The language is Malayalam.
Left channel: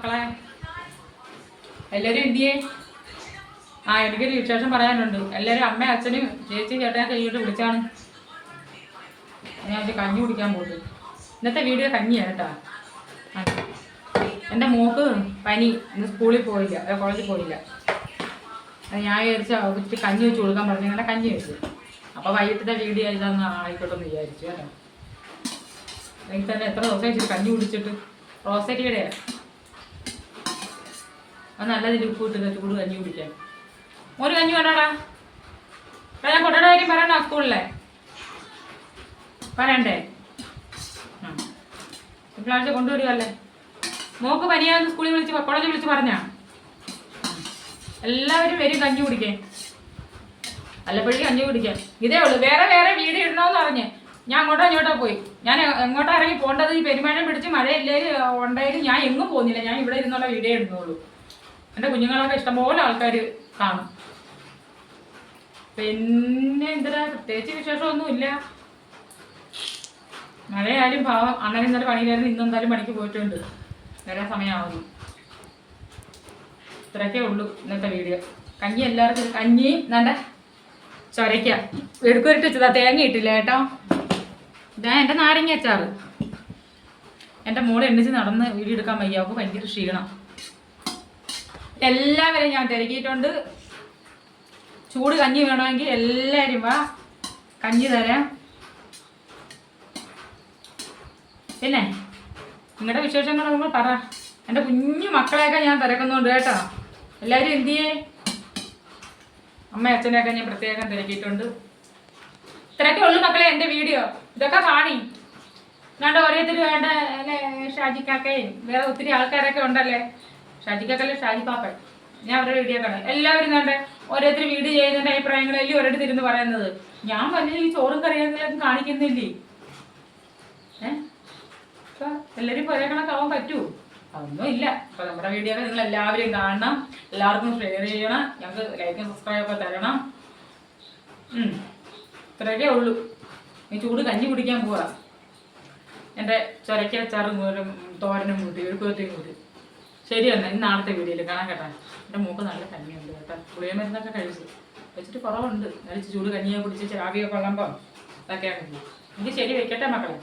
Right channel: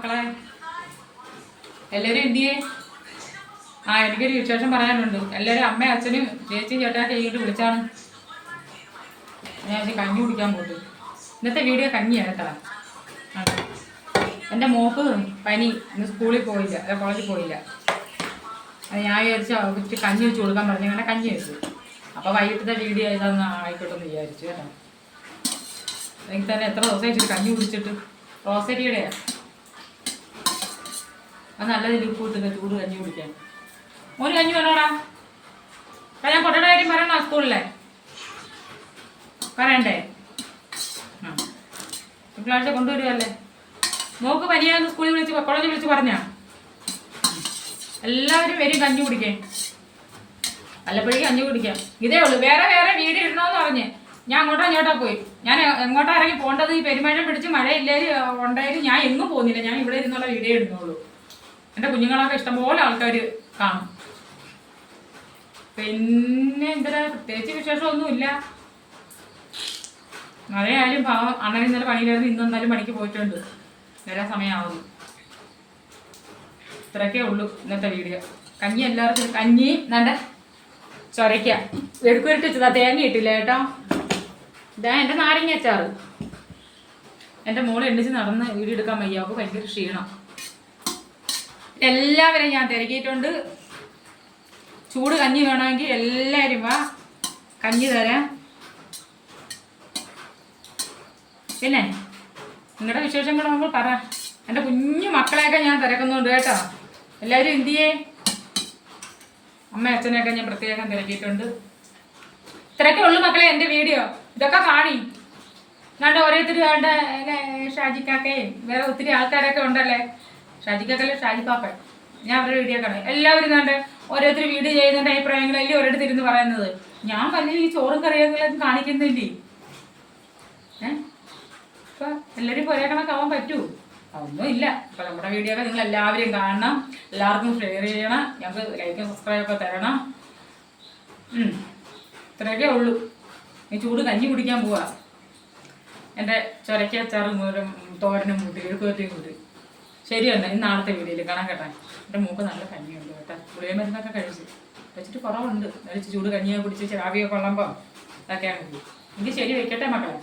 മക്കളെ എല്ലാവരും എന്തിയേ? എനിക്കൊരു വിശേഷം പറയാനുണ്ട്. എല്ലാവരും അമ്മയും അച്ഛനും ചേച്ചി ചേട്ടാ കൈയിട്ട് വിളിച്ചാണ്. ഞാൻ കഞ്ഞി കുടിക്കാൻ പോയിട്ട്. ഇന്നത്തെ വീഡിയോ കഞ്ഞിയാണ് കേട്ടോ. എൻ്റെ മോക്ക് പനി, ഇന്ന് സ്കൂളിൽ പോയില്ല, കോളേജിൽ പോയില്ല. അത് ഞാൻ വിചാരിച്ചു കഞ്ഞി വെച്ച് കൊടുക്കാൻ പറഞ്ഞു. അങ്ങനെ കഞ്ഞി വെച്ചു. അപ്പോൾ വൈകിട്ടത്തെ വീഡിയോ ഇതൊന്ന് ആയിക്കോട്ടെ എന്ന് വിചാരിച്ചു കേട്ടോ. എനിക്ക് തന്നെ എത്ര ദിവസം വെച്ചിട്ട് കഞ്ഞി കുടിച്ചിട്ട്. റോസരിയുടെ അത് നല്ലതിൽ ഉപ്പ് ഇട്ടിട്ട് ചൂട് കഞ്ഞി കുടിക്കാൻ. ഒരു കഞ്ഞി വേണോടാ? ഞാൻ കൊട്ടയുടെ കാര്യം പറയണോ സ്കൂളിലെ? പറയണ്ടേ? തിങ്കളാഴ്ച കൊണ്ടുവരുമല്ലേ? മോക്ക് പനിയാന്ന് സ്കൂളിൽ വിളിച്ച് കോളേജിൽ വിളിച്ച് പറഞ്ഞാ എല്ലാവരും വരും കഞ്ഞി കുടിക്കേ. വല്ലപ്പോഴേക്കും കഞ്ഞി കുടിക്കാം. ഇതേ ഉള്ളൂ. വേറെ വേറെ വീഡിയോ ഇടണമെന്ന് പറഞ്ഞ് ഞാൻ അങ്ങോട്ടോ പോയി. ഞാൻ എങ്ങോട്ടാ ഇറങ്ങി പോകേണ്ടത്? ഈ പെരുമഴ പിടിച്ച് മഴയില്ലേലും ഉണ്ടായാലും ഞാൻ എങ്ങും പോകുന്നില്ല. ഞാൻ ഇവിടെ ഇരുന്നുള്ള വീഡിയോ ഇടുന്നുള്ളൂ. എൻ്റെ കുഞ്ഞുങ്ങളൊക്കെ ഇഷ്ടംപോലെ ആൾക്കാർ കാണും. പിന്നെ എന്തിനാ പ്രത്യേകിച്ച് വിശേഷമൊന്നുമില്ല. മഴയായാലും പാവം അണ്ണൻ ഇന്നലെ പണിയിലായിരുന്നു. ഇന്നെന്തായാലും പണിക്ക് പോയിട്ടുണ്ട്. വരാൻ സമയമാവുന്നു. ഇത്രയൊക്കെ ഉള്ളൂ ഇന്നത്തെ വീഡിയോ. കഞ്ഞി എല്ലാവർക്കും കഞ്ഞി നല്ല ചൊരയ്ക്ക എടുക്കുവരിട്ട് വെച്ചതാ. തേങ്ങ ഇട്ടില്ല കേട്ടോ. ഇതാ എൻ്റെ നാരങ്ങ അച്ചാറ്. എൻ്റെ മോളെ എണ്ണിച്ച് നടന്ന് വീഡിയോ എടുക്കാൻ വയ്യ. അവൾക്ക് ഭയങ്കര ക്ഷീണം. എല്ലാവരെയും ഞാൻ തിരക്കിയിട്ടുണ്ട്. ചൂട് കഞ്ഞി വേണമെങ്കിൽ എല്ലാവരും വാ, കഞ്ഞി തരാം. പിന്നെ നിങ്ങളുടെ വിശേഷങ്ങൾ നമ്മൾ പറ. എൻ്റെ കുഞ്ഞു മക്കളെയൊക്കെ ഞാൻ തിരക്കുന്നുണ്ട് കേട്ടോ. എല്ലാവരും എന്ത് ചെയ്യേ? അമ്മ അച്ഛനെയൊക്കെ ഞാൻ പ്രത്യേകം തിരക്കിയിട്ടുണ്ട്. ഇത്രയൊക്കെ ഉള്ളു മക്കളെ എൻ്റെ വീഡിയോ. ഇതൊക്കെ കാണി. എന്നാണ്ട് ഓരോരുത്തർ വേണ്ട ഷാജിക്കാക്കയും വേറെ ഒത്തിരി ആൾക്കാരൊക്കെ ഉണ്ടല്ലേ. ഷാജിക്കാക്കല്ലേ ഷാജിപ്പാപ്പൻ. ഞാൻ അവരുടെ വീഡിയോ കാണാം. എല്ലാവരും വേണ്ട ഓരോരുത്തർ വീഡിയോ ചെയ്യുന്നതിൻ്റെ അഭിപ്രായങ്ങളല്ലേ ഓരോരുത്തർ ഇരുന്ന് പറയുന്നത്. ഞാൻ വലിയ ഈ ചോറും കറിയൊന്നും കാണിക്കുന്നില്ലേ? അപ്പോൾ എല്ലാവരും ഇപ്പോൾ ഒരേ കണക്കാവാൻ പറ്റുമോ? അതൊന്നും ഇല്ല. അപ്പോൾ നമ്മുടെ വീഡിയോ ഒക്കെ നിങ്ങൾ എല്ലാവരും കാണണം. എല്ലാവർക്കും ഷെയർ ചെയ്യണം. ഞങ്ങൾക്ക് ലൈക്കും സബ്സ്ക്രൈബൊക്കെ തരണം. ഇത്രയൊക്കെ ഉള്ളൂ. ഈ ചൂട് കഞ്ഞി കുടിക്കാൻ പോവാ. എൻ്റെ ചൊരക്കച്ചാറും തോരനും കൂട്ടി എഴുക്കുവറ്റയും കൂട്ടി. ശരി തന്നെ. ഇന്ന് നാളത്തെ വീഡിയോയിൽ കാണാൻ കേട്ടോ. എൻ്റെ മൂക്ക് നല്ല കഞ്ഞിയുണ്ട് കേട്ടോ. ഗുളിക മരുന്നൊക്കെ കഴിച്ചു വെച്ചിട്ട് കുറവുണ്ട്. കഴിച്ച് ചൂട് കഞ്ഞിയെ കുടിച്ച് ആവിയൊക്കെ കൊള്ളുമ്പോൾ അതൊക്കെയാണ്. എനിക്ക് ശരി വയ്ക്കട്ടെ മക്കളെ.